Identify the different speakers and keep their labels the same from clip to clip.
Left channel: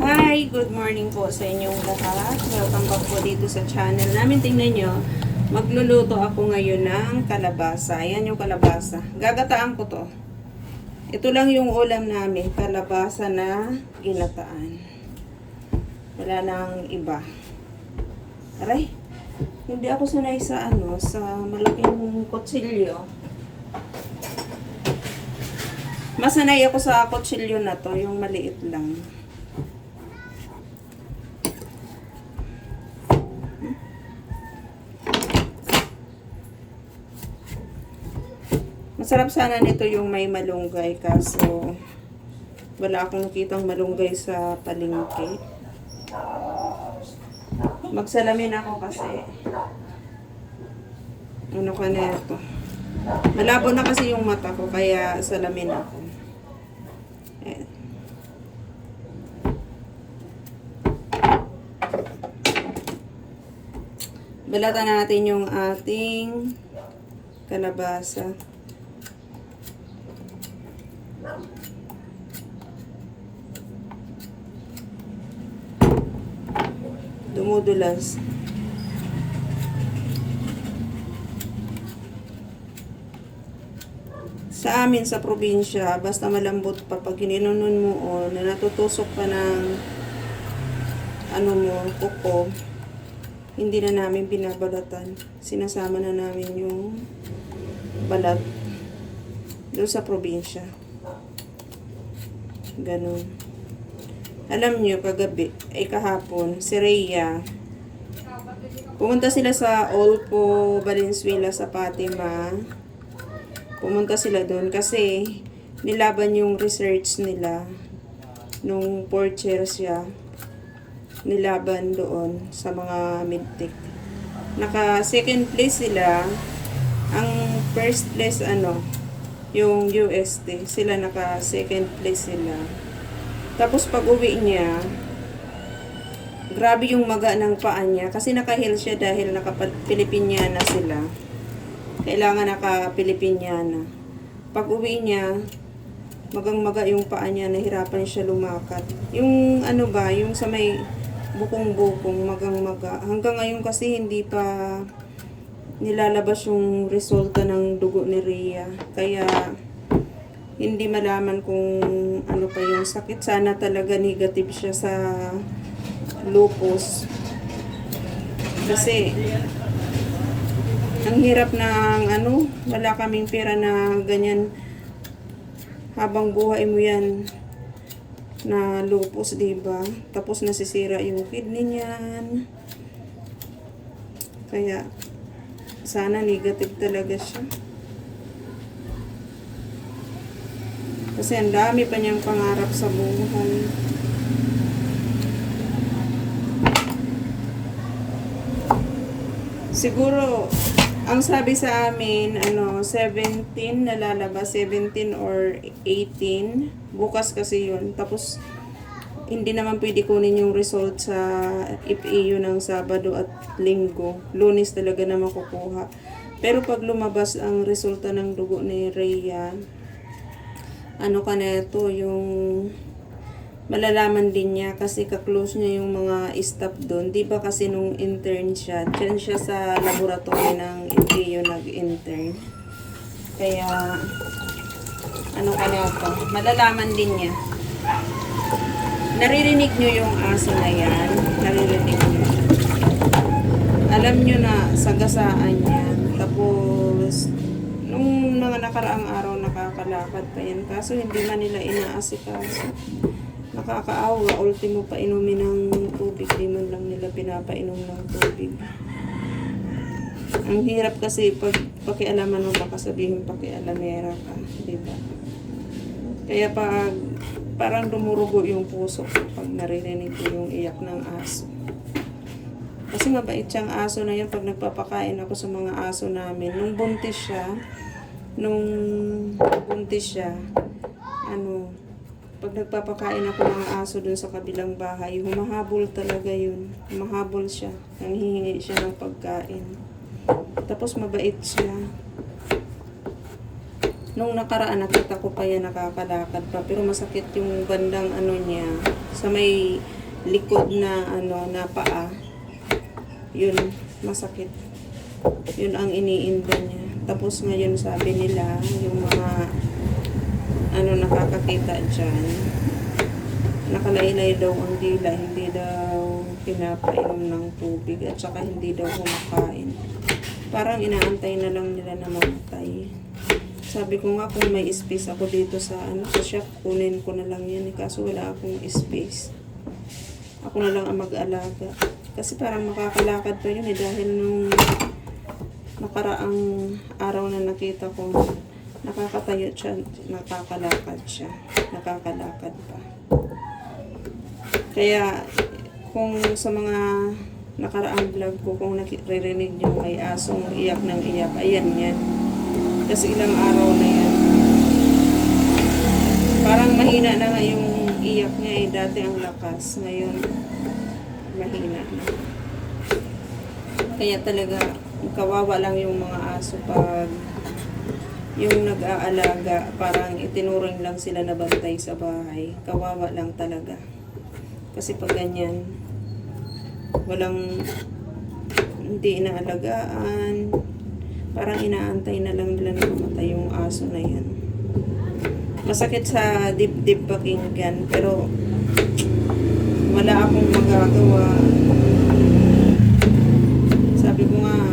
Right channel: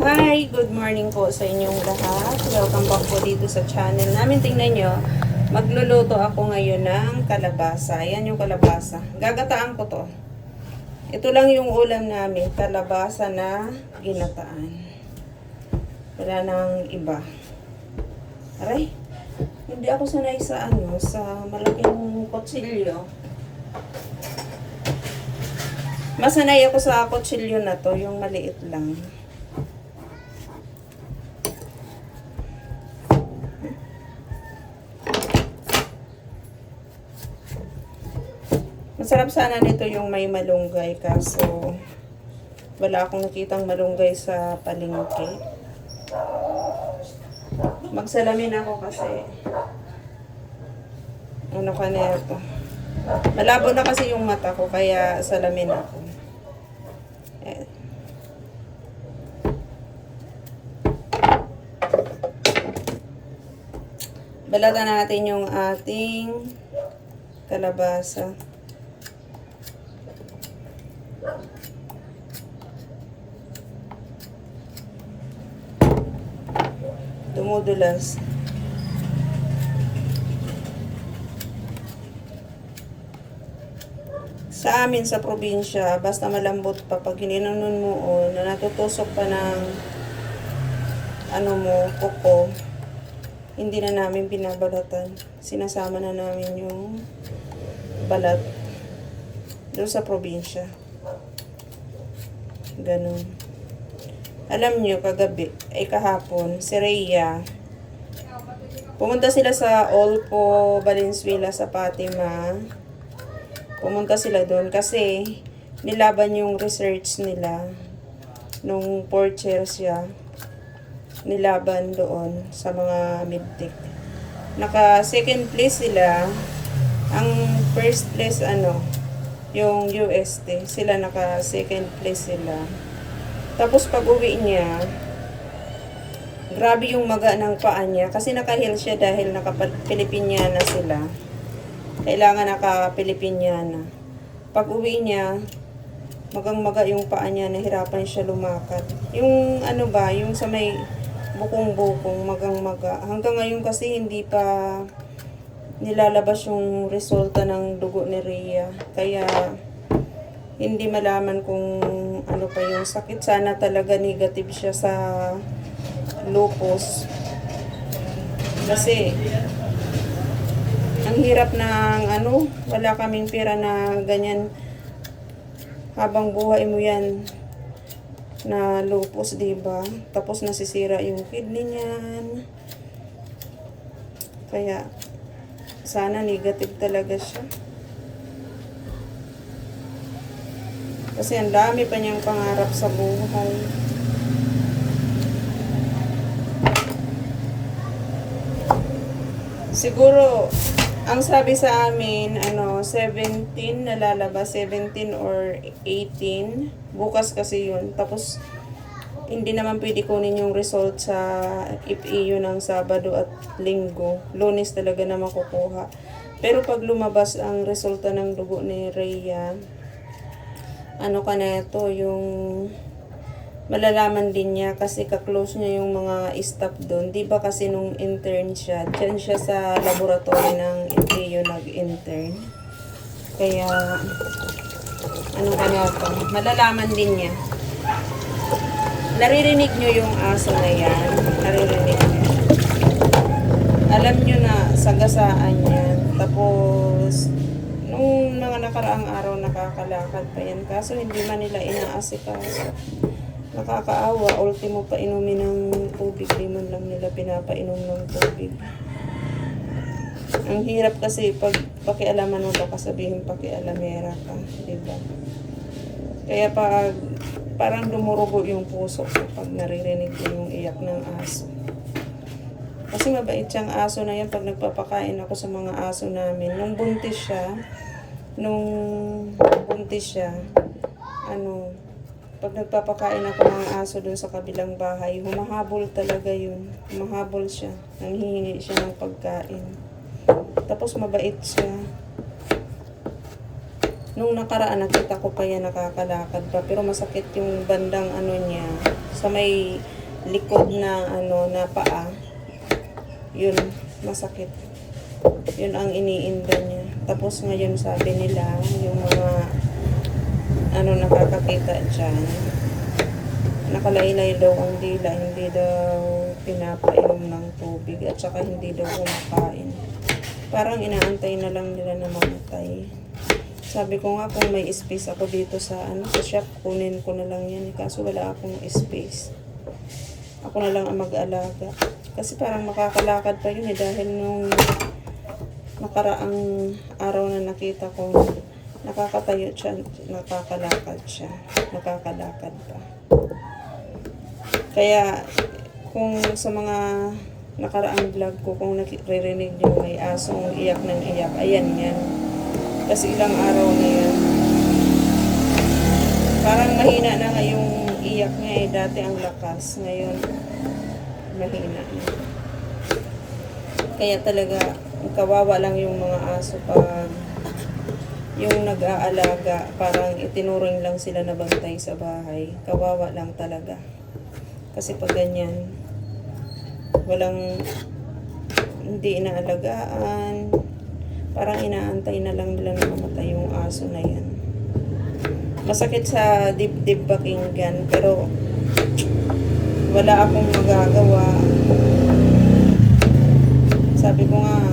Speaker 1: Hi! Good morning po sa inyong lahat. Welcome back po dito sa channel namin. Tingnan nyo, magluluto ako ngayon ng kalabasa. Ayan yung kalabasa. Gagataan ko to. Ito lang yung ulam namin, kalabasa na ginataan. Wala nang iba. Aray, hindi ako sanay sa ano, sa malaking kutsilyo. Masanay ako sa kutsilyo na to, yung maliit lang. Masarap sana nito yung may malunggay kaso wala akong nakitang malunggay sa palengke. Magsalamin ako kasi ano ka na ito. Malabo na kasi yung mata ko kaya salamin ako. Eh. Balatan natin yung ating kalabasa. Dumudulas. Sa amin sa probinsya, basta malambot pa pag gininunon mo o na natutusok pa ng ano mo, kuko, hindi na namin pinabalatan. Sinasama na namin yung balat doon sa probinsya. Ganon. Alam nyo, kagabi, ay kahapon, si Rhea, pumunta sila sa Olpo, Valenzuela, sa Fatima. Pumunta sila doon kasi nilaban yung research nila nung fourth year siya. Nilaban doon sa mga midtech. Naka second place sila. Ang first place ano, yung UST. Sila naka second place sila. Tapos pag uwi niya, grabe yung maga ng paa niya kasi naka-heel siya dahil naka-Pilipinyana sila. Kailangan naka-Pilipinyana. Pag uwi niya, magang-maga yung paa niya, nahirapan siya lumakad. Yung ano ba, yung sa may bukong-bukong, magang-maga. Hanggang ngayon kasi hindi pa nilalabas yung resulta ng dugo ni Rhea. Kaya hindi malaman kung ano pa yung sakit. Sana talaga negative siya sa lupus. Kasi ang hirap ng ano, wala kaming pera na ganyan habang buhay mo yan na lupus, 'di ba? Tapos nasisira yung kidney niyan. Kaya sana negative talaga siya. Kasi ang dami pa niyang pangarap sa buhay. Siguro, ang sabi sa amin, ano, 17 nalalabas, 17 or 18. Bukas kasi yun. Tapos, hindi naman pwede kunin yung result sa FEU ng Sabado at Linggo. Lunes talaga na makukuha. Pero pag lumabas ang resulta ng dugo ni Rhea, ano ka na ito, yung malalaman din niya kasi kaklose niya yung mga staff doon. Di ba kasi nung intern siya, dyan siya sa laboratory ng FEU nag-intern. Kaya, ano ka na ito, malalaman din niya. Naririnig niyo yung aso na yan. Naririnig niyo. Alam niyo na sagasaan yan. Tapos, nung mga nakaraang araw nakakalakad pa yan. Kaso hindi man nila inaasikaso. Nakakaawa. Ultimo pa inumin ng tubig. Di man lang nila pinapainom ng tubig. Ang hirap kasi pag pakialaman mo baka sabihin pakialamera ka. Di ba? Kaya pag parang dumurugo yung puso ko pag naririnig ko yung iyak ng aso. Kasi nga bait siyang aso na yan pag nagpapakain ako sa mga aso namin. Nung buntis siya, nung buntis siya, ano, pag nagpapakain ako ng aso dun sa kabilang bahay, humahabol talaga yun. Humahabol siya. Nanghihingi siya ng pagkain. Tapos mabait siya. Nung nakaraan, nakita ko pa yan nakakalakad pa. Pero masakit yung bandang ano niya, sa may likod na ano na paa. Yun, masakit. Yun ang iniinda niya. Tapos ngayon sabi nila, yung mga ano nakakakita dyan, nakalaylay daw ang dila, hindi daw pinapainom ng tubig at saka hindi daw kumakain. Parang inaantay na lang nila na mamatay. Sabi ko nga kung may space ako dito sa ano sa shop, kunin ko na lang yan. Kaso wala akong space. Ako na lang ang mag-alaga. Kasi parang makakalakad pa yun eh dahil nung nakaraang araw na nakita kong nakakatayo siya, nakakalakad siya. Nakakalakad pa. Kaya kung sa mga nakaraang vlog ko, kung naririnig nyo may asong iyak ng iyak, ayan yan. Kasi ilang araw na yan. Parang mahina na nga yung iyak niya eh. Dati ang lakas. Ngayon, mahina na. Kaya talaga, kawawa lang yung mga aso pag yung nag-aalaga, parang itinuring lang sila na bantay sa bahay. Kawawa lang talaga. Kasi pag ganyan, walang hindi inaalagaan, parang inaantay na lang nila na mamatay yung aso na yan. Masakit sa dibdib pakinggan, pero wala akong magagawa. Sabi ko nga,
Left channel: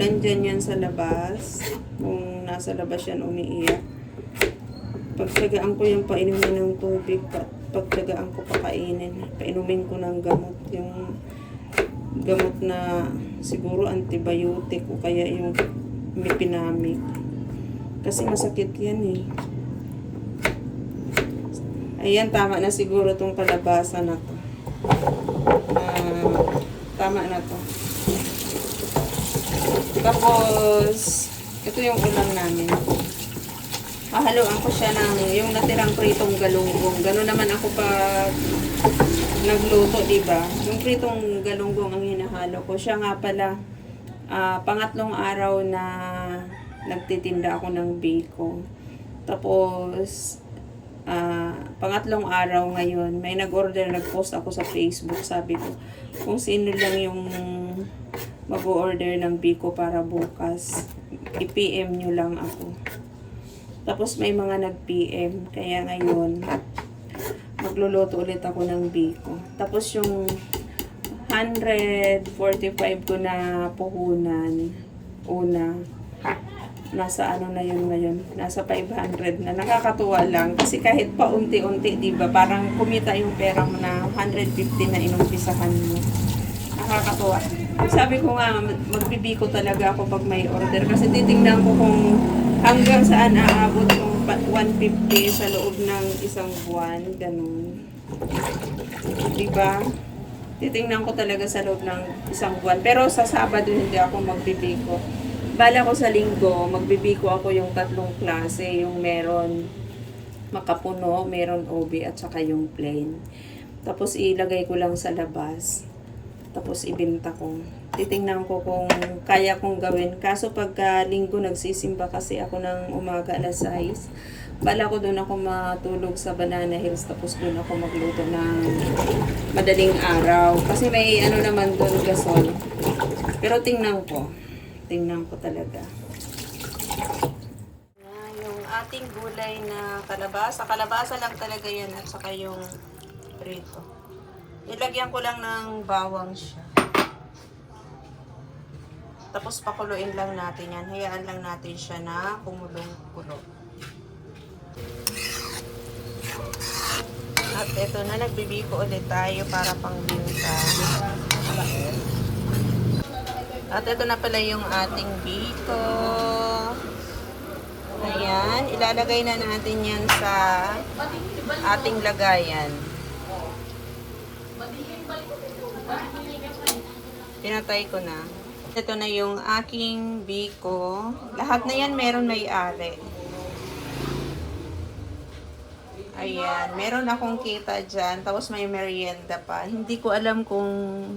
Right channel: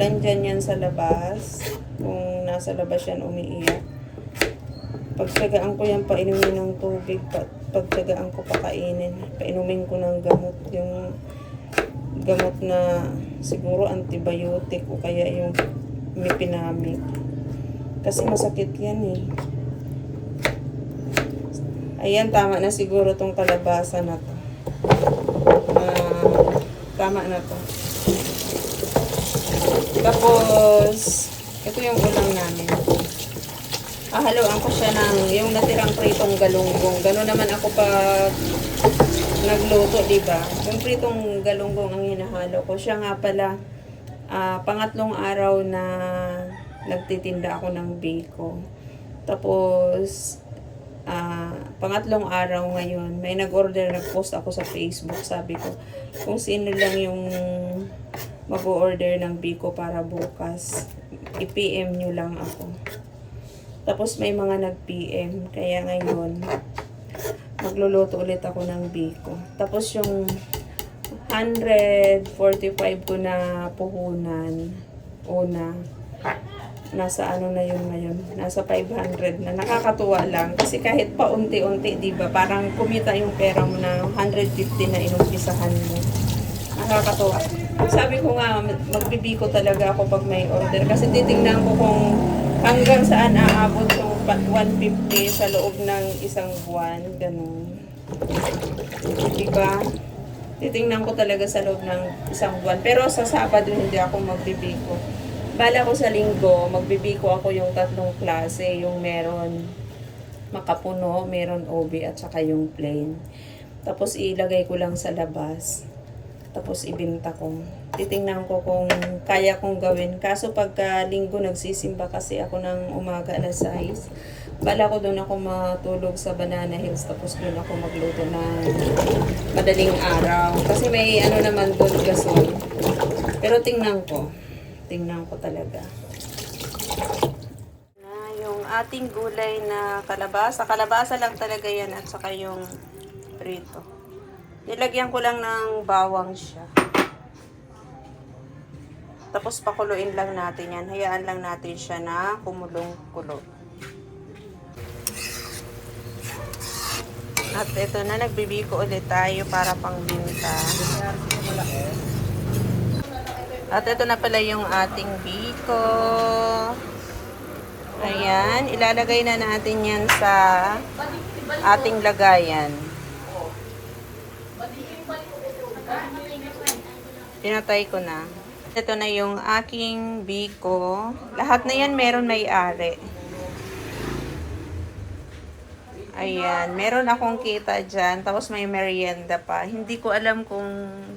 Speaker 1: nandyan yan sa labas, kung nasa labas yan umiiyak, pagtsagaan ko yan painumin ng tubig, pa, pagtsagaan ko pakainin, painumin ko ng gamot, yung gamot na siguro antibiotic o kaya yung mipinamic. Kasi masakit yan eh. Ayan, tama na siguro tong kalabasa na to. Na, tama na to. Tapos, ito yung ulam namin. Hahaluan ko siya ng yung natirang pritong galunggong. Gano'n naman ako pag nagluto, di ba? Yung pritong galunggong ang hinahalo ko. Siya nga pala, ah, pangatlong araw na nagtitinda ako ng biko. Tapos, ah, pangatlong araw ngayon, may nag-order, nag-post ako sa Facebook. Sabi ko, kung sino lang yung mag-order ng biko para bukas, i-PM nyo lang ako. Tapos may mga nag-PM, kaya ngayon, magluluto ulit ako ng biko. Tapos yung 145 ko na puhunan, una, nasa ano na yun ngayon, nasa 500 na. Nakakatuwa lang. Kasi kahit pa unti-unti, di ba, parang kumita yung pera mo na 150 na inumpisahan mo. Nakakatuwa. Sabi ko nga, magbibiko talaga ako pag may order. Kasi titingnan ko kung hanggang saan aabot pa- 150 sa loob ng isang buwan. Ganun. Di ba? Titingnan ko talaga sa loob ng isang buwan. Pero sa Sabado hindi ako magbibiko. Bala ko sa linggo, magbibiko ako yung tatlong klase. Yung meron makapuno, meron OB at saka yung plain. Tapos ilagay ko lang sa labas. Tapos ibinta ko. Titingnan ko kung kaya kong gawin. Kaso pagka linggo nagsisimba kasi ako ng umaga alas 6. Bala ko doon ako matulog sa Banana Hills tapos doon ako magluto ng madaling araw. Kasi may ano naman doon gasol. Pero tingnan ko. Tingnan ko talaga. Na yung ating gulay na kalabasa. Kalabasa lang talaga yan at saka yung prito. Nilagyan ko lang ng bawang siya. Tapos pakuluin lang natin yan. Hayaan lang natin siya na kumulong-kulo. At ito na, nagbibiko ulit tayo para pang binta. At ito na pala yung ating biko. Ayan, ilalagay na natin yan sa ating lagayan. Pinatay ko na. Ito na yung aking biko. Lahat na yan meron may-ari. Ayan, meron akong kita dyan. Tapos may merienda pa. Hindi ko alam kung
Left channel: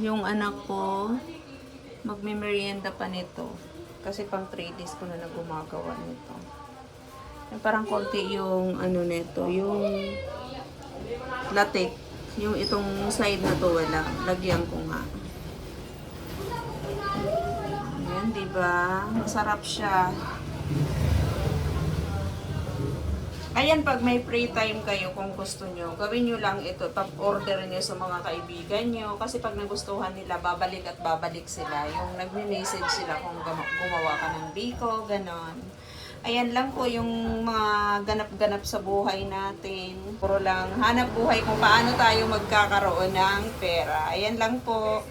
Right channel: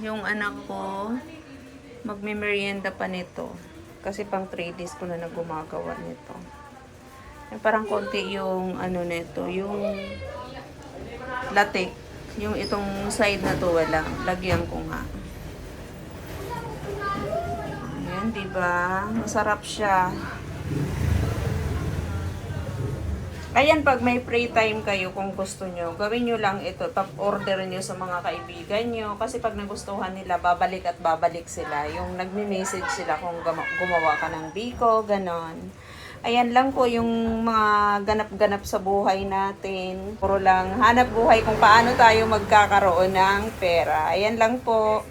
Speaker 1: yung anak ko magme-merienda pa nito. Kasi pang 3 days ko na na gumagawa nito. Eh, parang konti yung ano nito, yung latik. Yung itong side na to wala. Lagyan ko nga. Ayan, di ba? Masarap siya. Ayan, pag may free time kayo, kung gusto nyo, gawin nyo lang ito. Tap order nyo sa mga kaibigan nyo. Kasi pag nagustuhan nila, babalik at babalik sila. Yung nagme-message sila kung gumawa ka ng biko, ganon. Ayan lang po yung mga ganap-ganap sa buhay natin. Puro lang hanap buhay kung paano tayo magkakaroon ng pera. Ayan lang po.